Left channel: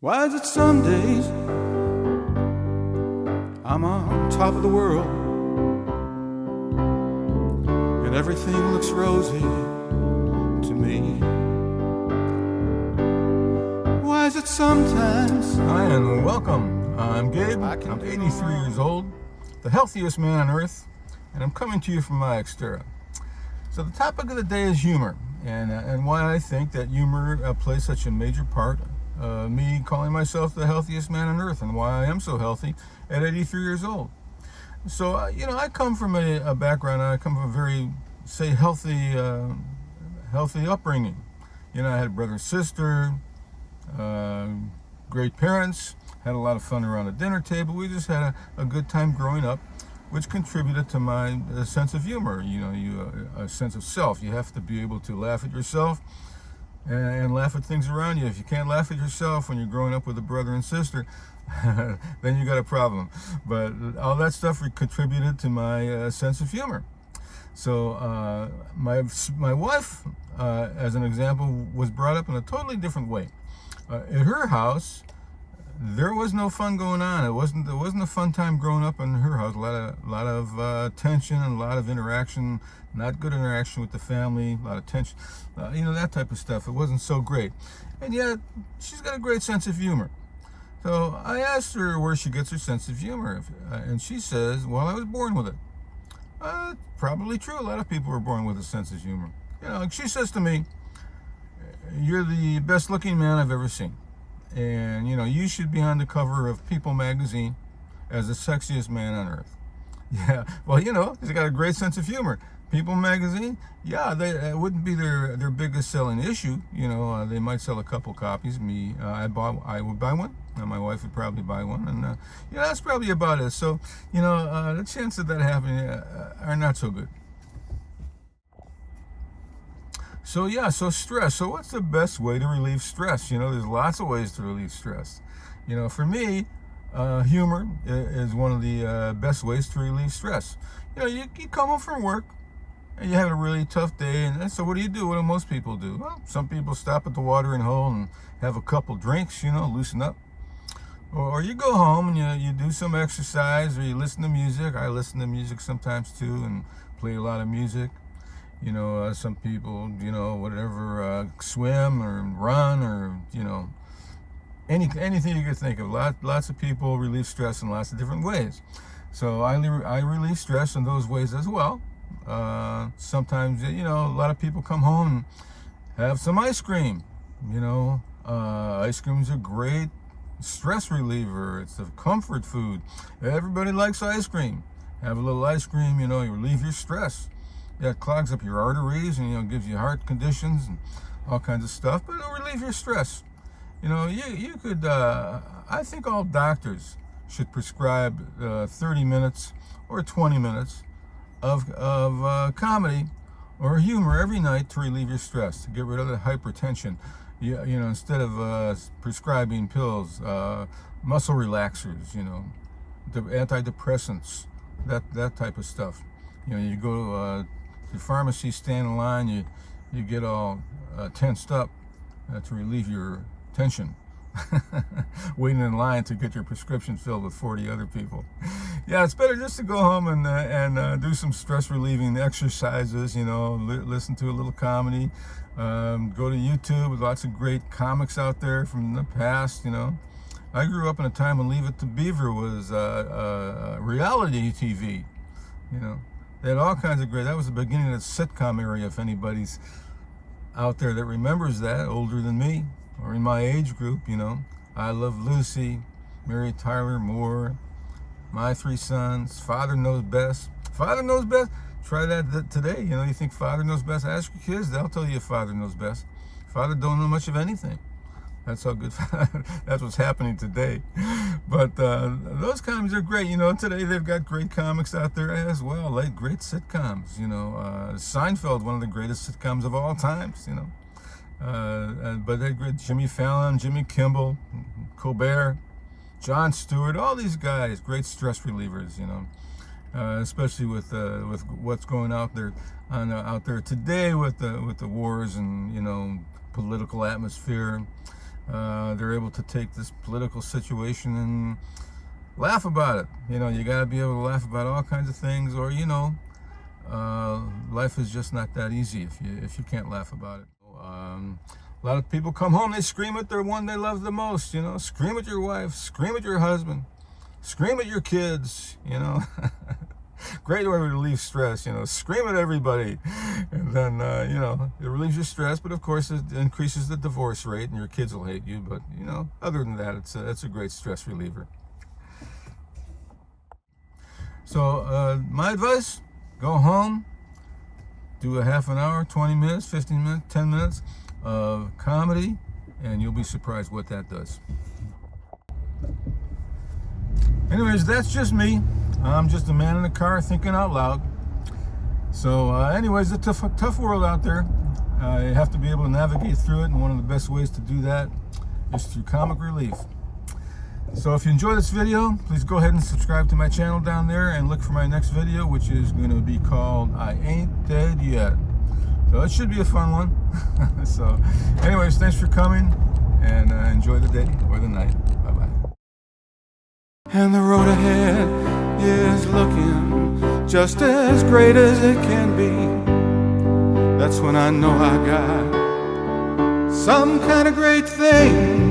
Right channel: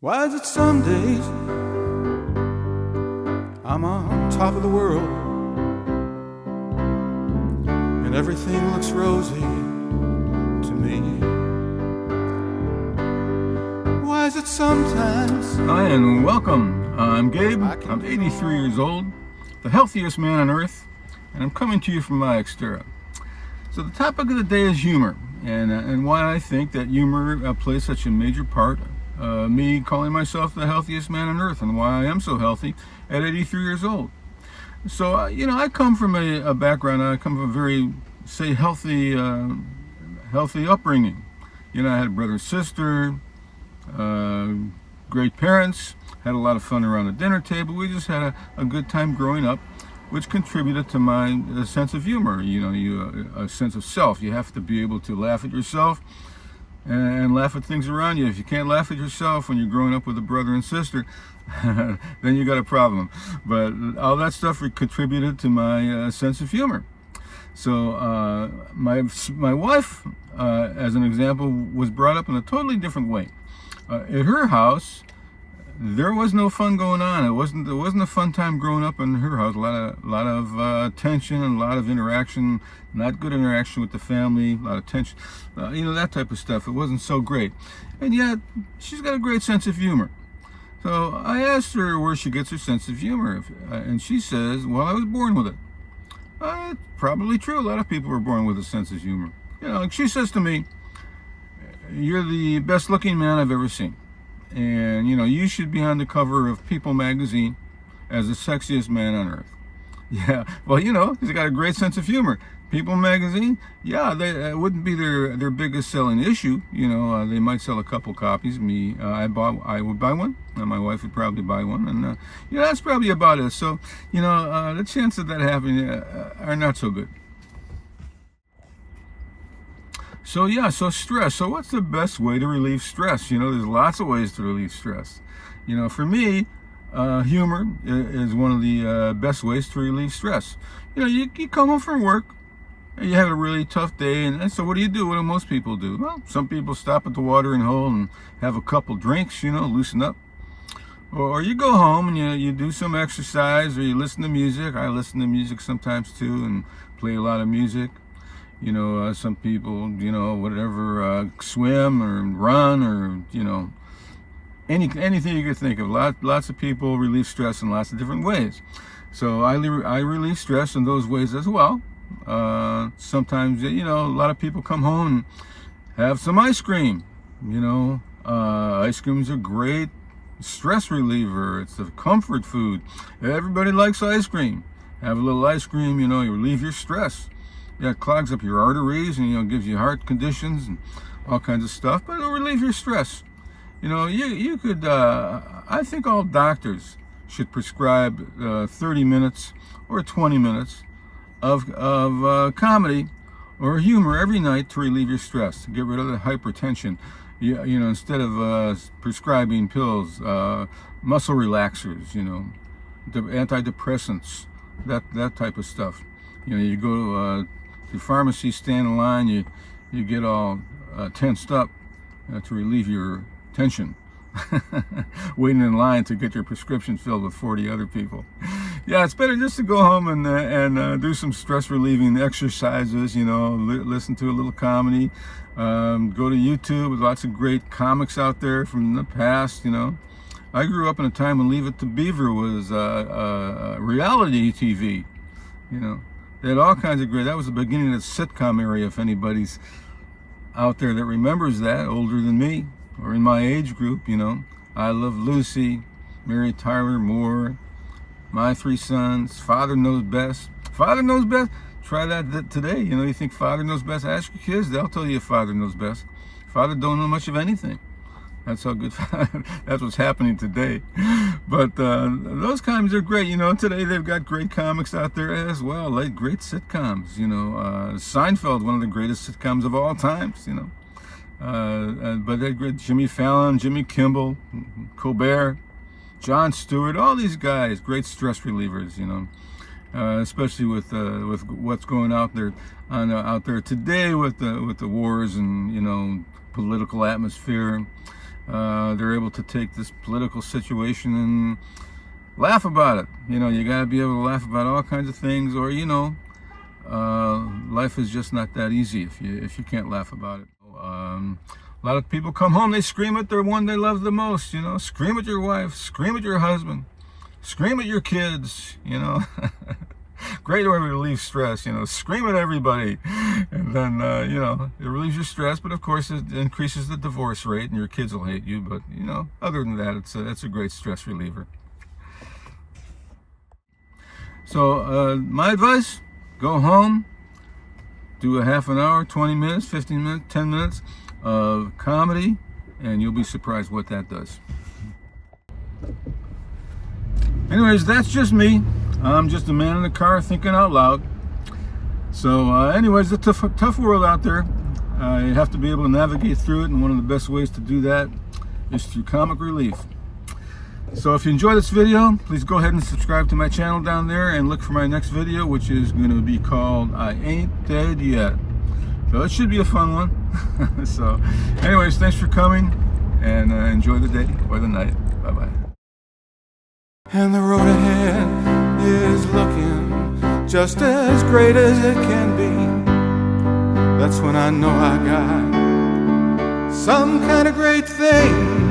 Why is it some days I'm on top of the world and everything looks rosy to me? Why is it sometimes... Hi and welcome. I'm Gabe. I'm 83 years old, the healthiest man on earth, and I'm coming to you from my Xterra. So the topic of the day is humor, and why I think that humor plays such a major part. Me calling myself the healthiest man on earth, and why I am so healthy at 83 years old. So, I come from a background, I come from a very, say, healthy upbringing. I had a brother and sister, great parents, had a lot of fun around the dinner table. We just had a good time growing up, which contributed to my sense of humor, a sense of self. You have to be able to laugh at yourself and laugh at things around you. If you can't laugh at yourself when you're growing up with a brother and sister, then you got a problem. But all that stuff contributed to my sense of humor. So my wife, as an example, was brought up in a totally different way. At her house, there was no fun going on. It wasn't a fun time growing up in her house. A lot of tension and a lot of interaction, not good interaction with the family, a lot of tension, that type of stuff. It wasn't so great. And yet, she's got a great sense of humor. So I asked her where she gets her sense of humor, and she says, well, I was born with it. Probably true. A lot of people were born with a sense of humor. She says to me, you're the best looking man I've ever seen. And, you should be on the cover of People magazine as the sexiest man on earth. Yeah, well, he's got a great sense of humor. People magazine, yeah, it wouldn't be their biggest selling issue. They might sell a couple copies. I would buy one, and my wife would probably buy one. And, that's probably about it. So, the chances of that happening are not so good. So stress. So what's the best way to relieve stress? There's lots of ways to relieve stress. For me, humor is one of the best ways to relieve stress. You come home from work, and you have a really tough day, and so what do? What do most people do? Well, some people stop at the watering hole and have a couple drinks, loosen up. Or you go home and you do some exercise, or you listen to music. I listen to music sometimes too, and play a lot of music. Some people, whatever, swim or run or, anything you could think of. Lots of people relieve stress in lots of different ways. So I relieve stress in those ways as well. Sometimes, a lot of people come home and have some ice cream. Ice cream is a great stress reliever. It's a comfort food. Everybody likes ice cream. Have a little ice cream, you relieve your stress. Yeah, it clogs up your arteries and, gives you heart conditions and all kinds of stuff, but it'll relieve your stress. You could, I think all doctors should prescribe 30 minutes or 20 minutes of comedy or humor every night to relieve your stress, to get rid of the hypertension. Instead of prescribing pills, muscle relaxers, antidepressants, that type of stuff. You go to the pharmacy, stand in line, you get all tensed up to relieve your tension, waiting in line to get your prescription filled with 40 other people. Yeah, it's better just to go home and do some stress relieving exercises, listen to a little comedy, go to YouTube with lots of great comics out there from the past. I grew up in a time when Leave It to Beaver was reality TV. They had all kinds of great, that was the beginning of the sitcom area, if anybody's out there that remembers that, older than me, or in my age group, I Love Lucy, Mary Tyler Moore, My Three Sons, Father Knows Best. Father Knows Best? Try that today. You think Father Knows Best? Ask your kids, they'll tell you if Father knows best. Father don't know much of anything. That's how good, that's what's happening today. But those comics are great. Today they've got great comics out there as well, like great sitcoms. Seinfeld, one of the greatest sitcoms of all times, but they're great. Jimmy Fallon, Jimmy Kimmel, Colbert, Jon Stewart, all these guys, great stress relievers, especially with what's going out there today with the wars and, political atmosphere. they're able to take this political situation and laugh about it. You know, you got to be able to laugh about all kinds of things, or you know, life is just not that easy if you can't laugh about it. A lot of people come home, they scream at their one they love the most. You know, scream at your wife, scream at your husband, scream at your kids. You know, great way to relieve stress. You know, scream at everybody, and then you know, it relieves your stress. But of course, it increases the divorce rate, and your kids will hate you. But you know, other than that, it's a great stress reliever. So my advice: go home, do a half an hour, 20 minutes, 15 minutes, 10 minutes of comedy, and you'll be surprised what that does. Anyways, that's just me. I'm just a man in the car thinking out loud. So anyways, it's a tough world out there. You have to be able to navigate through it, and one of the best ways to do that is through comic relief. So if you enjoy this video, please go ahead and subscribe to my channel down there and look for my next video, which is going to be called I Ain't Dead Yet. So it should be a fun one. So anyways, thanks for coming, and enjoy the day or the night. Bye-bye. And the road ahead is looking just as great as it can be. That's when I know I got some kind of great thing